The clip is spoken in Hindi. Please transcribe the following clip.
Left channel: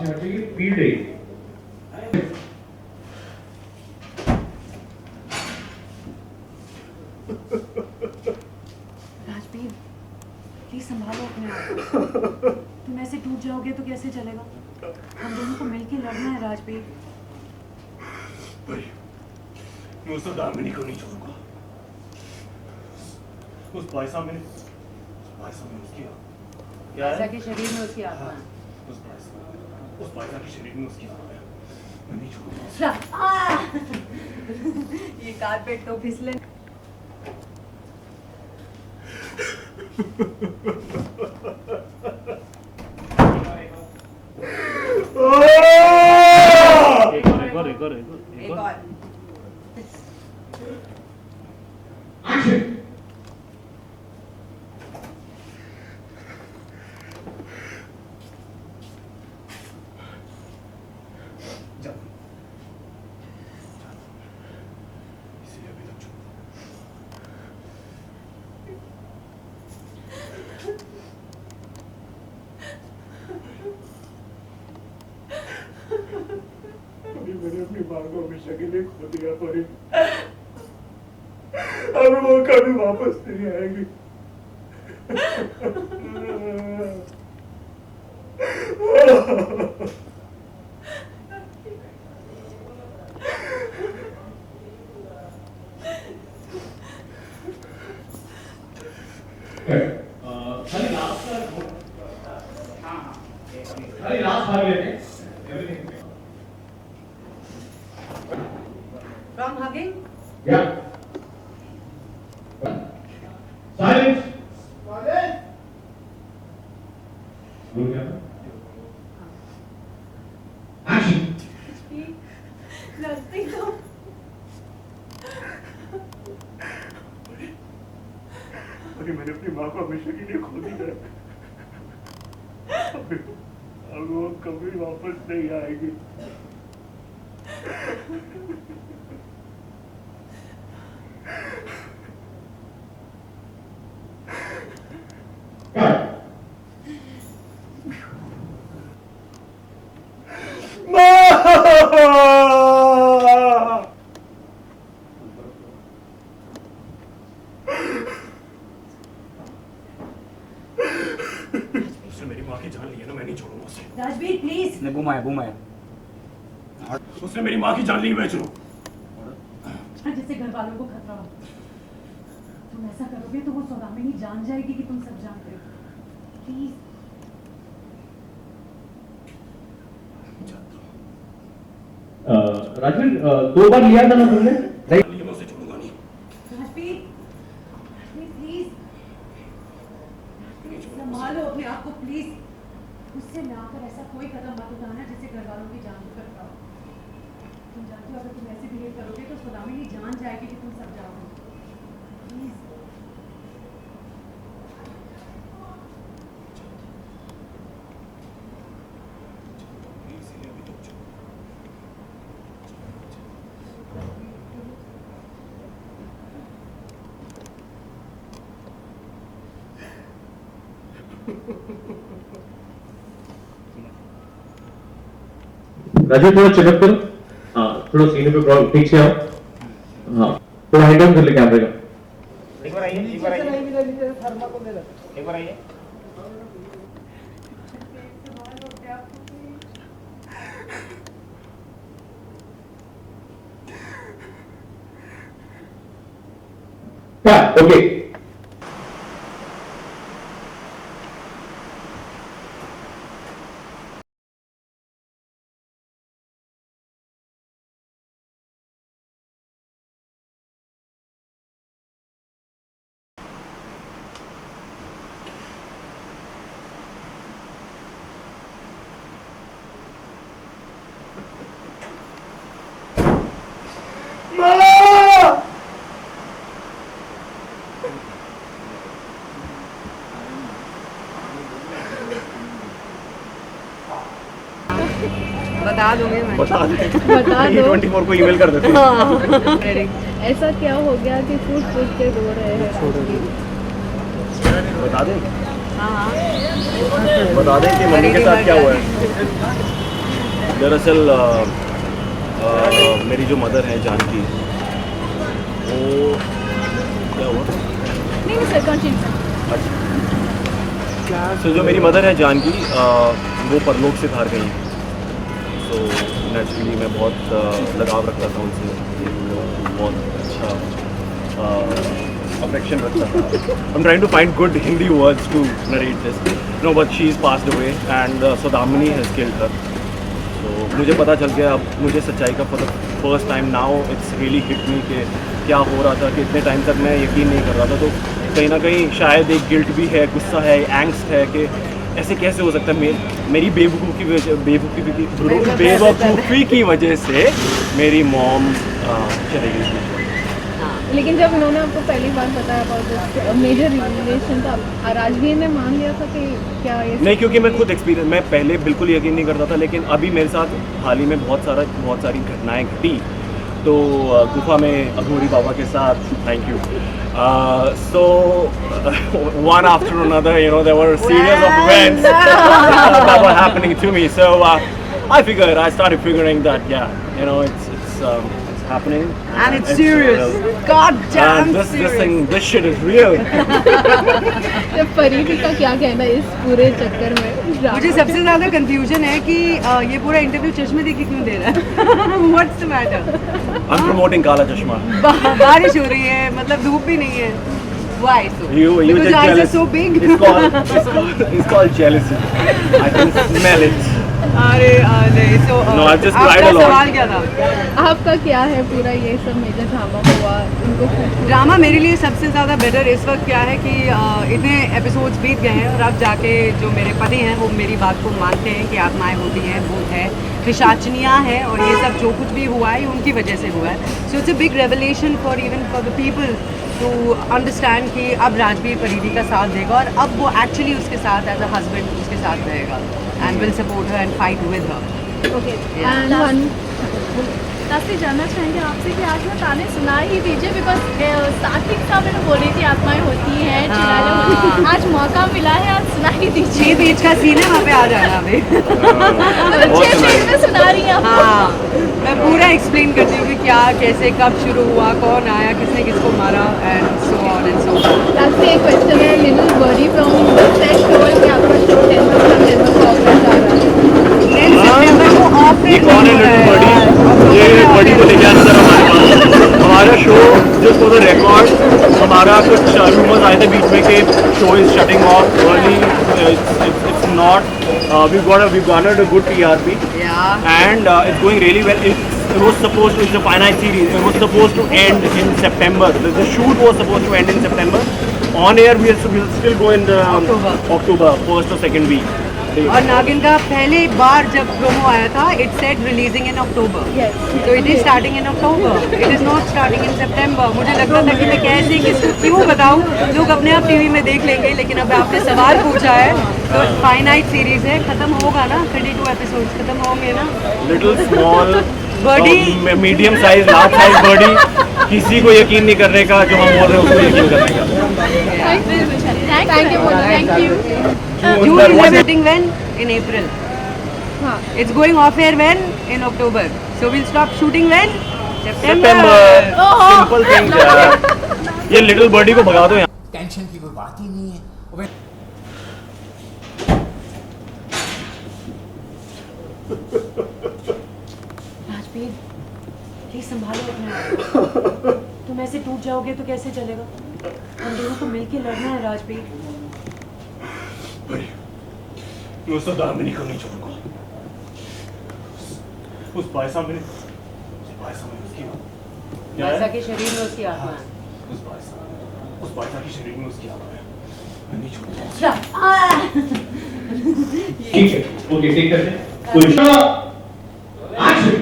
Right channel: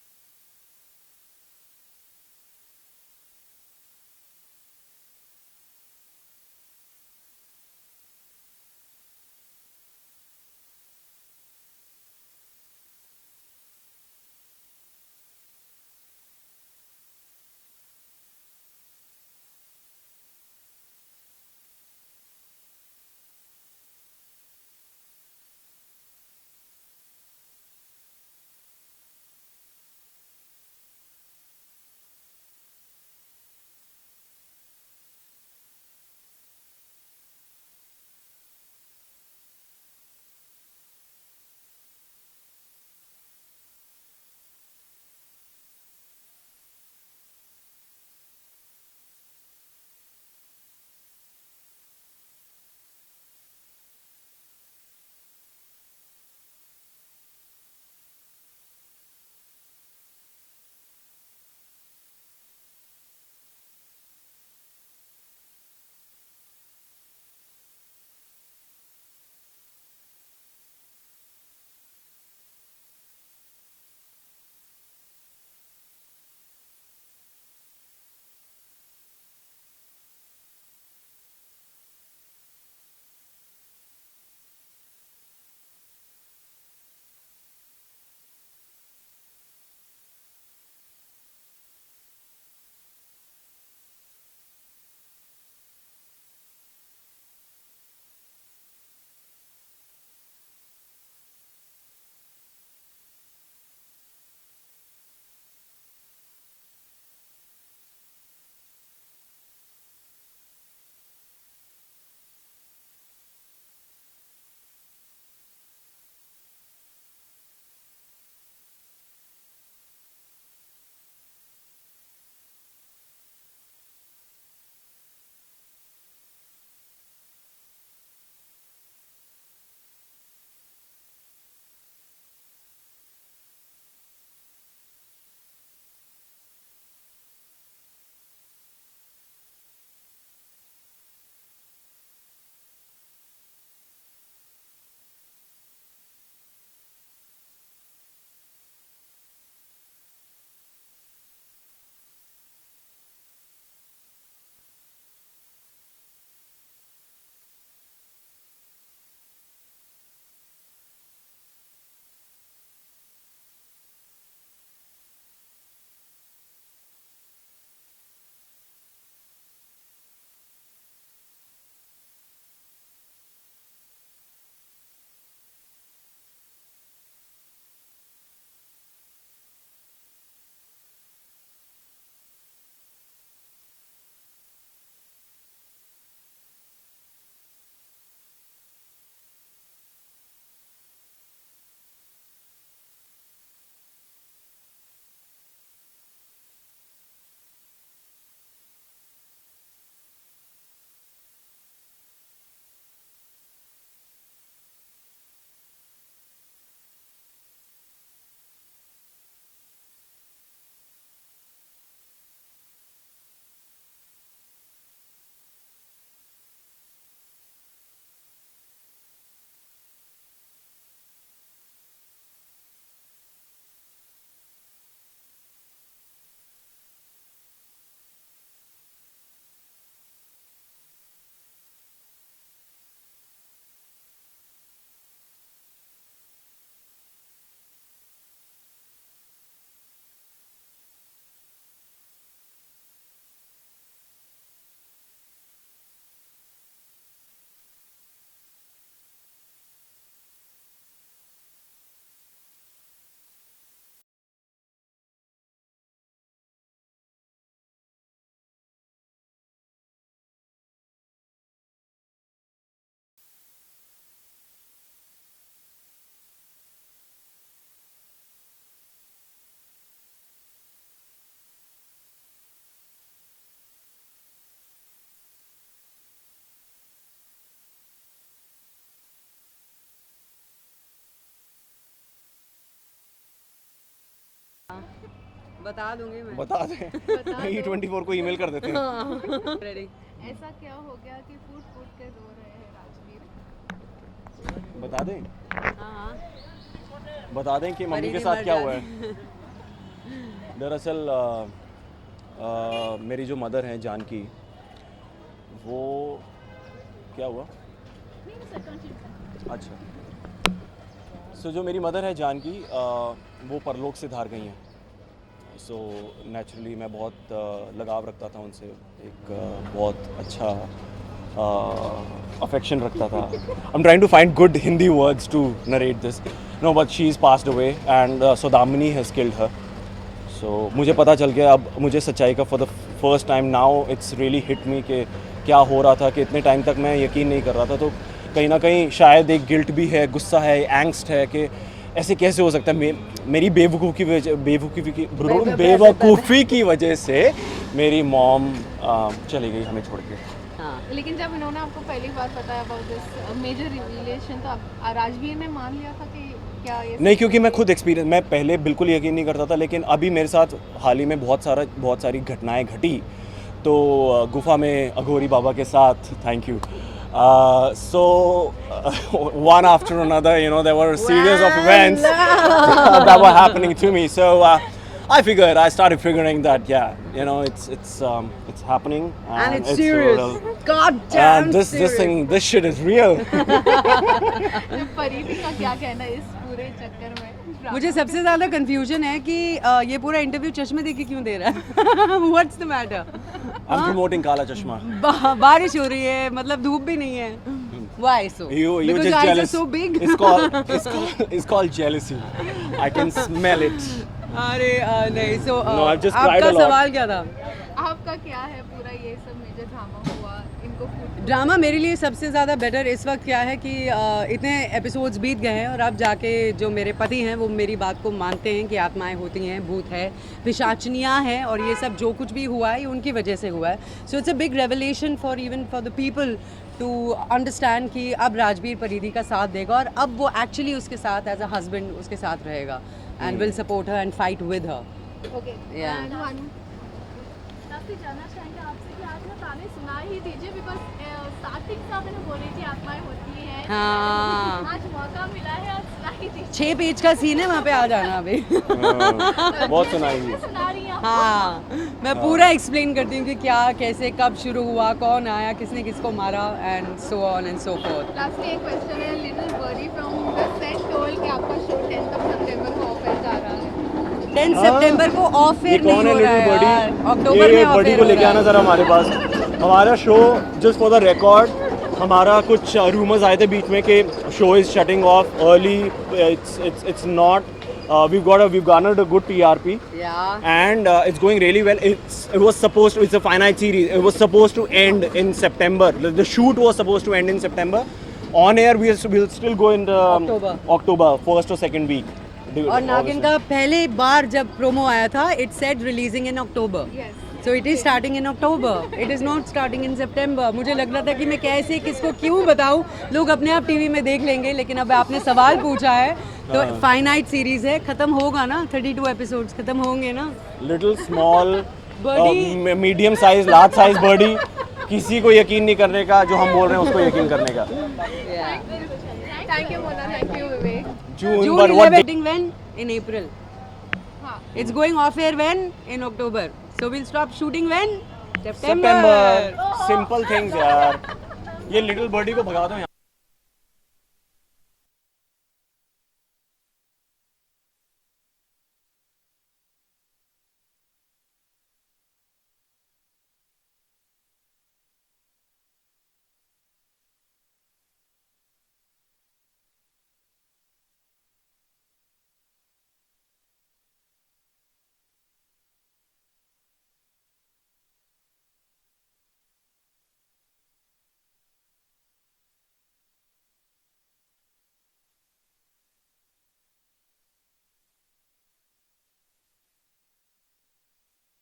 से हट जाइए, पीट रही है। राजवीर, प्लीज संभालो अपने आप को। तुम ऐसे टूट जाओगे तो कैसे चलेगा? हम दोनों को मिलके लड़ना है राजवीर। भाई, मैं उस दामिनी को नहीं छोड़ूंगा। उस भाई साहब ने उसकी क्या है? के शरीर में उसकी आत्मा है। उस भाई साहब के शरीर में उसकी आत्मा है। मैं नहीं छोड़ूंगा। ये कारपेट तो फिसले। एक और। मैंने अपनी माँ को हमेशा के लिए खो दिया परी। अब वो कभी वापस नहीं आएगी। From hugging? Yeah. Silence. Action. Nothing. अरे मैंने अपनी माँ को हमेशा के लिए खो दिया। अब वो कभी वापस नहीं आएगी। उसने मेरी माँ की जान ली है ना, मैं नहीं छोड़ूंगा उसे। राजवीर प्लीज। ने घुमाया उसने मेरी माँ की जान ली, मैं छोड़ू। जिससे घर वालों को खतरा हो। तुम ऐसा करोगे तो वो सौदामिनी जान जाएगी कि तुम सब जानते हो। प्लीज। राजवीर, 2 बार लिया था ना तुमने? मैं उसे छोड़ूंगा नहीं। राजवीर, प्लीज संभालो अपने आप को प्लीज। मुझसे ना कर ऐसा कोई कदम मत उठाना जिससे घर वालों की जान को खतरा हो। तुम जानते हो अगर तुम ऐसे बिहेव करोगे तो सौदामिनी जान जाएगी कि तुम सब जाओगे। प्लीज। राजू थोड़ा चिपक करो। हाँ, थोड़ा सीने पे प्रॉब्लम ठीक से आओ। हाँ, थोड़ा हेड डाउन कर ले कैमरे का। एक बार आइए एक बार आइए ओके। बता दूंगी मैं। बता दो 24 को ईमेल कर देते हैं। हाँ। ऐसा क्या हो गया कि फूट फूट के रो रहे हैं? बता दें हाँ बता दें कि मम्मी के साथ क्या हुआ है। दरअसल मेरी जो मदर है जानकी, वो क्या हुआ? नहीं सर कंटिन्यू। सो जो मेरी मदर है जानकी, वो परलोक से बाहर गई। सो नेचुरली मैं बहुत लगाव रखता था उनसे, एक बहुत अच्छा अफेक्शन रखता था। I am trying to find good Hindi words to narrate this, no, but she is passed away and Saudamini has killed her. So मुझे पता चल गया अब, मुझे सच्चाई का for the first time now it's really hit me कि क्या हो रहा था, कि इतने टाइम तक मैं यकीन नहीं कर रहा था। तो कहीं ना कहीं शायद एक गिल्ट भी है, गुस्सा है, एंग्स्ट है कि ऐसे कैसे हो सकता है। मेरी बेवकूफ़ी की वजह से मेरी मॉम चली गई। लेकिन जब उन्होंने आपको पहली बार बताया अबाउट मेजर रिलेशन, तो राजवीर ने मान लिया था कि क्या ये नहीं, क्योंकि मैं खुद एक्सपीरियंस, मैं पहले बिल्कुल यकीन नहीं करता था, लेकिन अभी मेरे साथ हाल ही में बहुत सारी घटनाएं घटी। तो गुफा में अघोरी बाबा के साथ, thank you, so one after another, you know, there were a series of events that were happening to me. So I started figuring that, yeah, you know, it's happening And it's serious. God damn and serious. this shit is real. जब फरीदी का क्या कहना है इस पूरे चक्कर में? मुझे सबसे ज्यादा कंफ्यूजन है कि ये पूरा इंटरव्यू चश्मे देख के क्यों दे रहा है? What's the matter? I'm promoting Kala Chashma. बारिश हो रही है, मतलब धूप भी नहीं है. Why so? You Because just your eyes are jealous. so big. It's called jealousy. I can smell it. अरे नहीं, so No, I've just cried a lot. सवाल क्या था? आपका क्या है पूरा ये सब मेजर ड्रामा हुआ इनको ड्रामा मेरे लिए सबसे ज़्यादा बेटर इस वक्त क्या है कि इतने एपिसोड्स बीत गए हैं और अब जाके जो मेरे पति हैं वो मेरी बात को मानते हैं कि आत्माएं होती हैं, भूत है, पिशाचनियाँ हैं, और ये सब जो कुछ भी हुआ है उनकी वजह से हुआ है. So it's a big revelation for the people to understand कि अब राजवीर परिधि का साथ देगा और अब वो एक्चुअली उसके साथ एज अ हस्बैंड उसके साथ रहेगा and will support her and fight with her. Okay Yeah. And one last जानना चाहेंगे आपसे कि आज मैं ताने सुना ही दीजिए, बिकॉज स्टार्टिंग का मैंने बोल रही थी आत्माएं होती हैं, चिरागे होती हैं. आज मौका मिला है, आज सुना ही दीजिए. 6 बीच का सीन है, वहाँ पे आ जाना अभी. बहुत सुनाई. में सुना रही हैं आप. हाँ, मैं पूरा एक्सप्लेन करती हूँ कि क्या, कैसे, कब शुरू हुआ, कौन आया, किसने किसको मारा and so on and so forth. Last एक क्वेश्चन है, little birdie from the set show कि आपका शो 10 को ऑफ कर जा रहा है. 10 सितंबर को ऑफ ये कौन है लिटिल बर्डी? ये बर्डी को लेके आना था हमारे पास. हमारा show just for the record, हमारा कुछ रूमर्स आए थे बीच में कि show is shutting off early. It's not. we've garnered a good TRP Yeah. and it's going really well. It was supposed to, it's a finite series. It was supposed to end in September. The shoot was supposed to end in September. On air we'll still go in October, first or second week. और नागिन का पहली बार जब प्रोमो आया था, it said releasing in October. So it is starting in October, it is not starting in September. मुझे लगता था कि मैं कैसे किसको क्यों बताऊं, लोग अपने आप टीवी में देख लेंगे, लेकिन अब आपने सवाल पूछा है तो फाइनाइट सीरीज है, खत्म होगा ना, 32 एपिसोड्स खत्म होंगे ना. Little small, Birdie. medium size, large size birdie. किसी को यकीन नहीं करने का, जो हम बोल रहे हैं उसको यकीन करने का. Thank you thank you. You will never getting when in April. हाँ. It's going off air when in October. So we'll stop shooting when September. Simple thing यार. ये लिटिल बर्डी को भगा दो यहाँ. टेंशन की कोई बात ही नहीं है. राजवीर, प्लीज संभालो अपने आप को. तुम ऐसे टूट जाओगे तो कैसे चलेगा? हम दोनों को मिलके लड़ना है राजवीर. मैं उस दामिनी को नहीं छोड़ूंगा. उस पैसा में उसकी क्या मासा है? के शरीर में उसकी आत्मा है. उस पैसा के शरीर में उसकी आत्मा है. मैं नहीं छोड़ूंगा. ठीक है, ओके, टेक करते हैं. पुष्पा, एक्शन.